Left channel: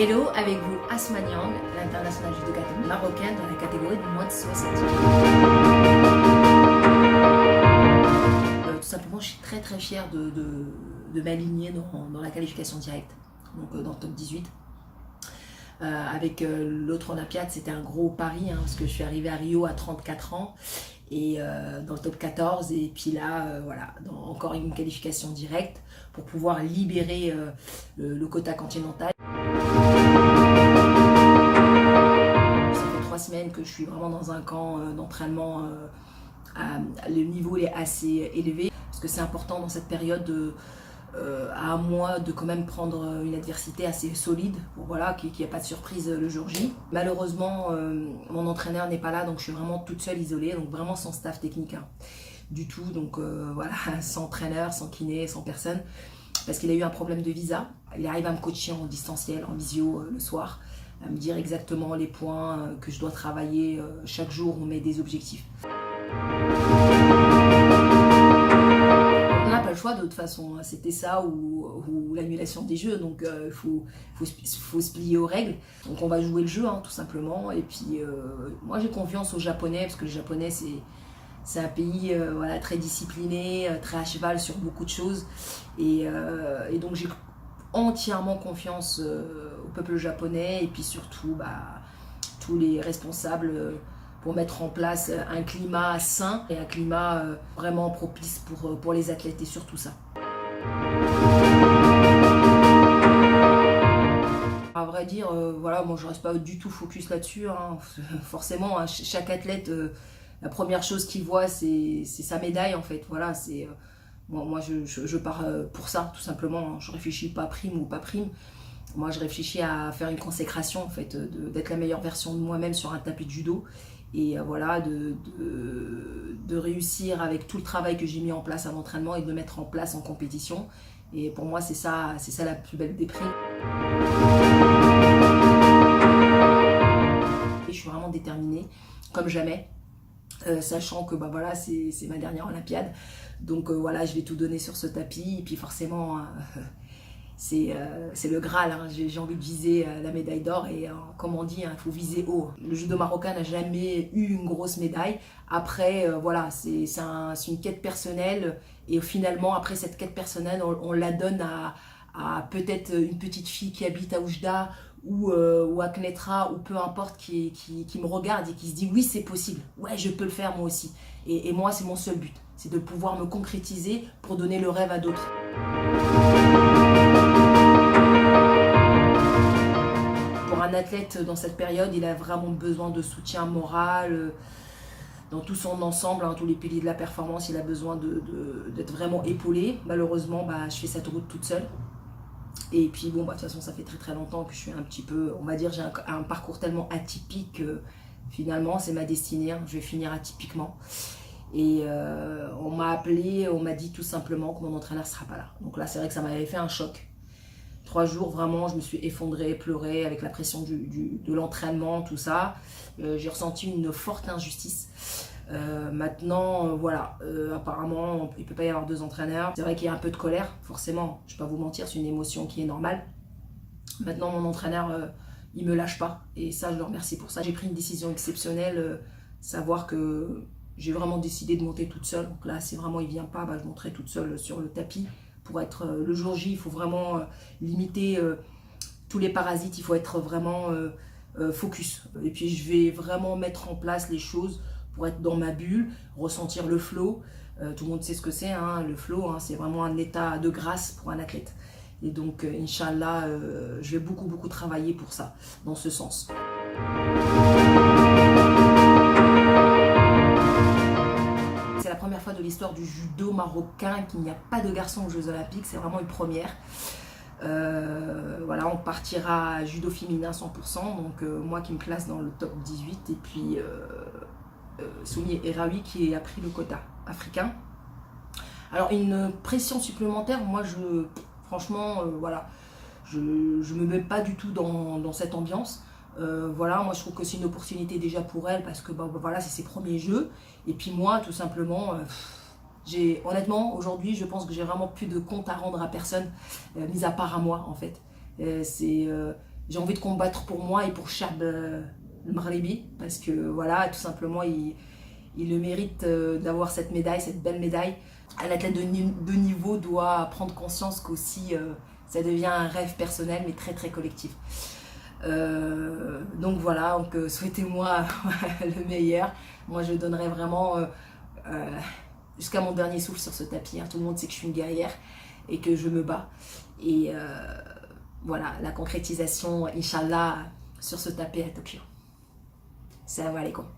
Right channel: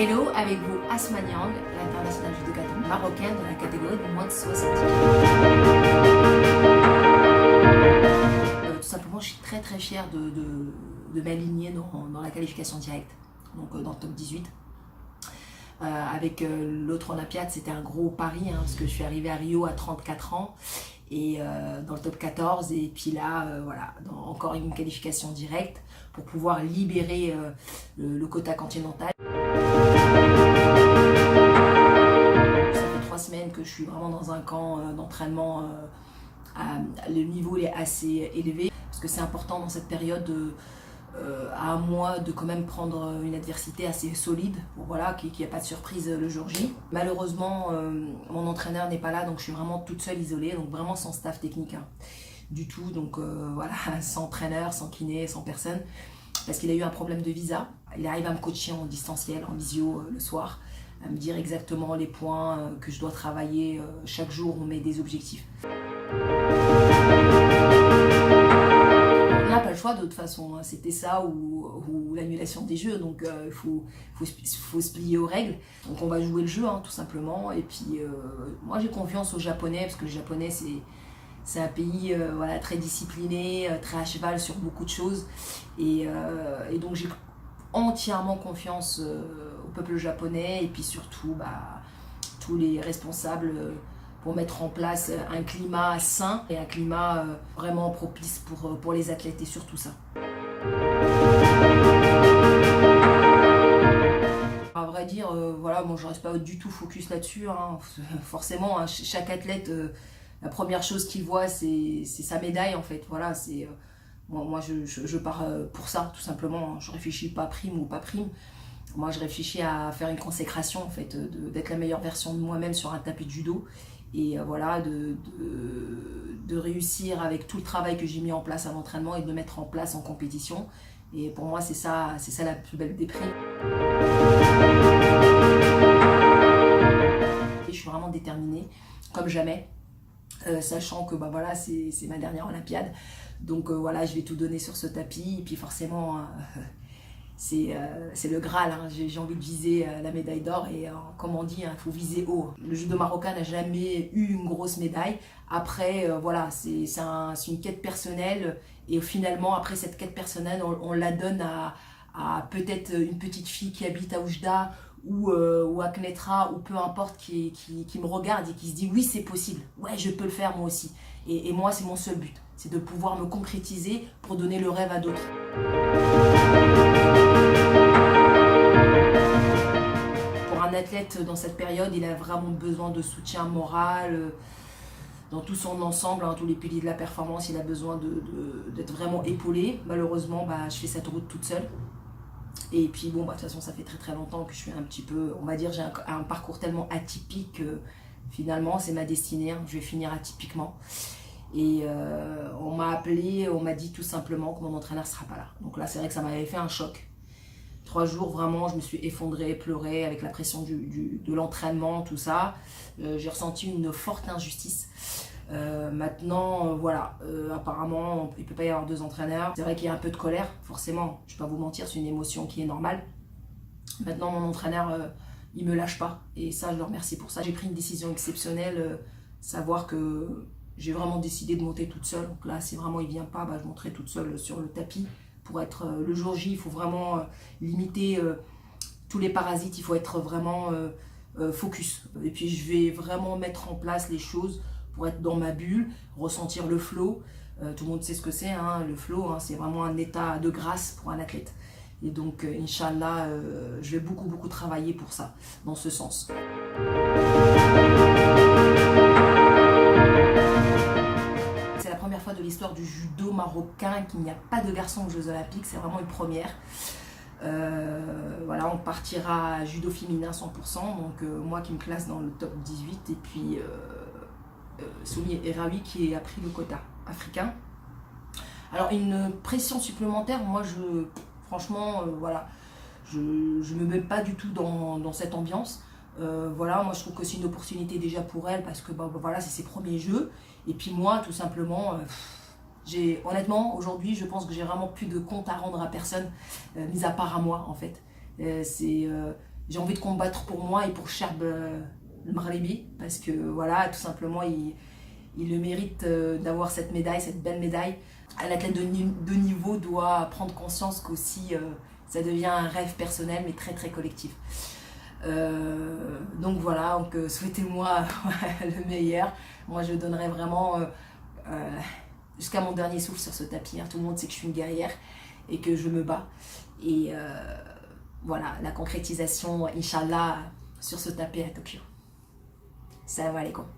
Hello, avec vous Asma Niang, l'international judoka marocaine dans la catégorie de moins de 60 kg. Tout simplement, je suis très fière de m'aligner dans la qualification directe, donc dans le top 18. Avec l'autre Olympiade, c'était un gros pari, parce que je suis arrivée à Rio à 34 ans et dans le top 14, et puis là, voilà, encore une qualification directe pour pouvoir libérer le quota continental. Ça fait 3 semaines que je suis vraiment dans un camp d'entraînement. Le niveau est assez élevé parce que c'est important dans cette période à un mois de quand même prendre une adversité assez solide pour voilà, qu'il n'y ait pas de surprise le jour J. Malheureusement, mon entraîneur n'est pas là, donc je suis vraiment toute seule, isolée, donc vraiment sans staff technique du tout. Donc voilà, sans entraîneur, sans kiné, sans personne, parce qu'il a eu un problème de visa. Il arrive à me coacher en distanciel, en visio le soir, à me dire exactement les points que je dois travailler. Chaque jour, on met des objectifs. On n'a pas le choix de toute façon, c'était ça ou l'annulation des jeux, donc il faut se plier aux règles. Donc on va jouer le jeu tout simplement, et puis moi j'ai confiance aux Japonais, parce que les Japonais c'est un pays voilà, très discipliné, très à cheval sur beaucoup de choses, et donc j'ai entièrement confiance au peuple japonais, et puis surtout tous les responsables pour mettre en place un climat sain et un climat vraiment propice pour les athlètes, et surtout ça. À vrai dire, voilà, moi je reste pas du tout focus là-dessus. Forcément, chaque athlète, la première chose qu'il voit, c'est sa médaille en fait. Voilà, c'est moi je pars pour ça tout simplement. Je réfléchis pas prime ou pas prime. Moi je réfléchis à faire une consécration en fait, d'être la meilleure version de moi-même sur un tapis de judo. Et voilà, de réussir avec tout le travail que j'ai mis en place à l'entraînement et de le mettre en place en compétition. Et pour moi, c'est ça la plus belle des primes. Et je suis vraiment déterminée, comme jamais, sachant que voilà, c'est ma dernière Olympiade. Donc voilà, je vais tout donner sur ce tapis. Et puis forcément, c'est le Graal, j'ai envie de viser la médaille d'or, et comme on dit, il faut viser haut. Le judo marocain n'a jamais eu une grosse médaille. Après, voilà, c'est une quête personnelle, et finalement, après cette quête personnelle, on la donne à peut-être une petite fille qui habite à Oujda ou à Knetra, ou peu importe, qui me regarde et qui se dit oui, c'est possible, ouais, je peux le faire moi aussi. Et moi, c'est mon seul but, c'est de pouvoir me concrétiser pour donner le rêve à d'autres. Pour un athlète dans cette période, il a vraiment besoin de soutien moral dans tout son ensemble, tous les piliers de la performance. Il a besoin d'être vraiment épaulé. Malheureusement, je fais cette route toute seule. Et puis bon, de toute façon, ça fait très longtemps que je suis un petit peu, on va dire, j'ai un parcours tellement atypique que finalement, c'est ma destinée. Je vais finir atypiquement. Et on m'a appelé, on m'a dit tout simplement que mon entraîneur ne sera pas là. Donc là, c'est vrai que ça m'avait fait un choc. 3 jours, vraiment, je me suis effondrée, pleurée avec la pression de l'entraînement, tout ça. J'ai ressenti une forte injustice. Maintenant, voilà, apparemment, il ne peut pas y avoir 2 entraîneurs. C'est vrai qu'il y a un peu de colère, forcément. Je ne vais pas vous mentir, c'est une émotion qui est normale. Maintenant, mon entraîneur, il ne me lâche pas. Et ça, je le remercie pour ça. J'ai pris une décision exceptionnelle, savoir que j'ai vraiment décidé de monter toute seule. Donc là, si vraiment il ne vient pas, je monterai toute seule sur le tapis. Pour être le jour J, il faut vraiment limiter tous les parasites, il faut être vraiment focus. Et puis je vais vraiment mettre en place les choses pour être dans ma bulle, ressentir le flow. Tout le monde sait ce que c'est, le flow, c'est vraiment un état de grâce pour un athlète. Et donc, Inch'Allah, je vais beaucoup travailler pour ça, dans ce sens. C'est la première fois de l'histoire du judo marocain qu'il n'y a pas de garçons aux Jeux Olympiques, c'est vraiment une première. Voilà, on partira à judo féminin 100%, donc moi qui me classe dans le top 18, et puis Soumi Eraoui qui a pris le quota africain. Alors une pression supplémentaire, moi franchement, voilà, je me mets pas du tout dans cette ambiance. Voilà, moi je trouve que c'est une opportunité déjà pour elle, parce que voilà, c'est ses premiers jeux, et puis moi tout simplement, honnêtement aujourd'hui je pense que j'ai vraiment plus de compte à rendre à personne, mis à part à moi en fait. j'ai envie de combattre pour moi et pour Chab le Maghribi, parce que voilà, tout simplement, il le mérite d'avoir cette médaille, cette belle médaille. Un athlète de niveau doit prendre conscience qu'aussi ça devient un rêve personnel, mais très très collectif. Donc voilà, donc, souhaitez-moi le meilleur. Moi, je donnerai vraiment jusqu'à mon dernier souffle sur ce tapis. Hein. Tout le monde sait que je suis une guerrière et que je me bats. Et voilà, la concrétisation, Inch'Allah, sur ce tapis à Tokyo. Salam alaikum.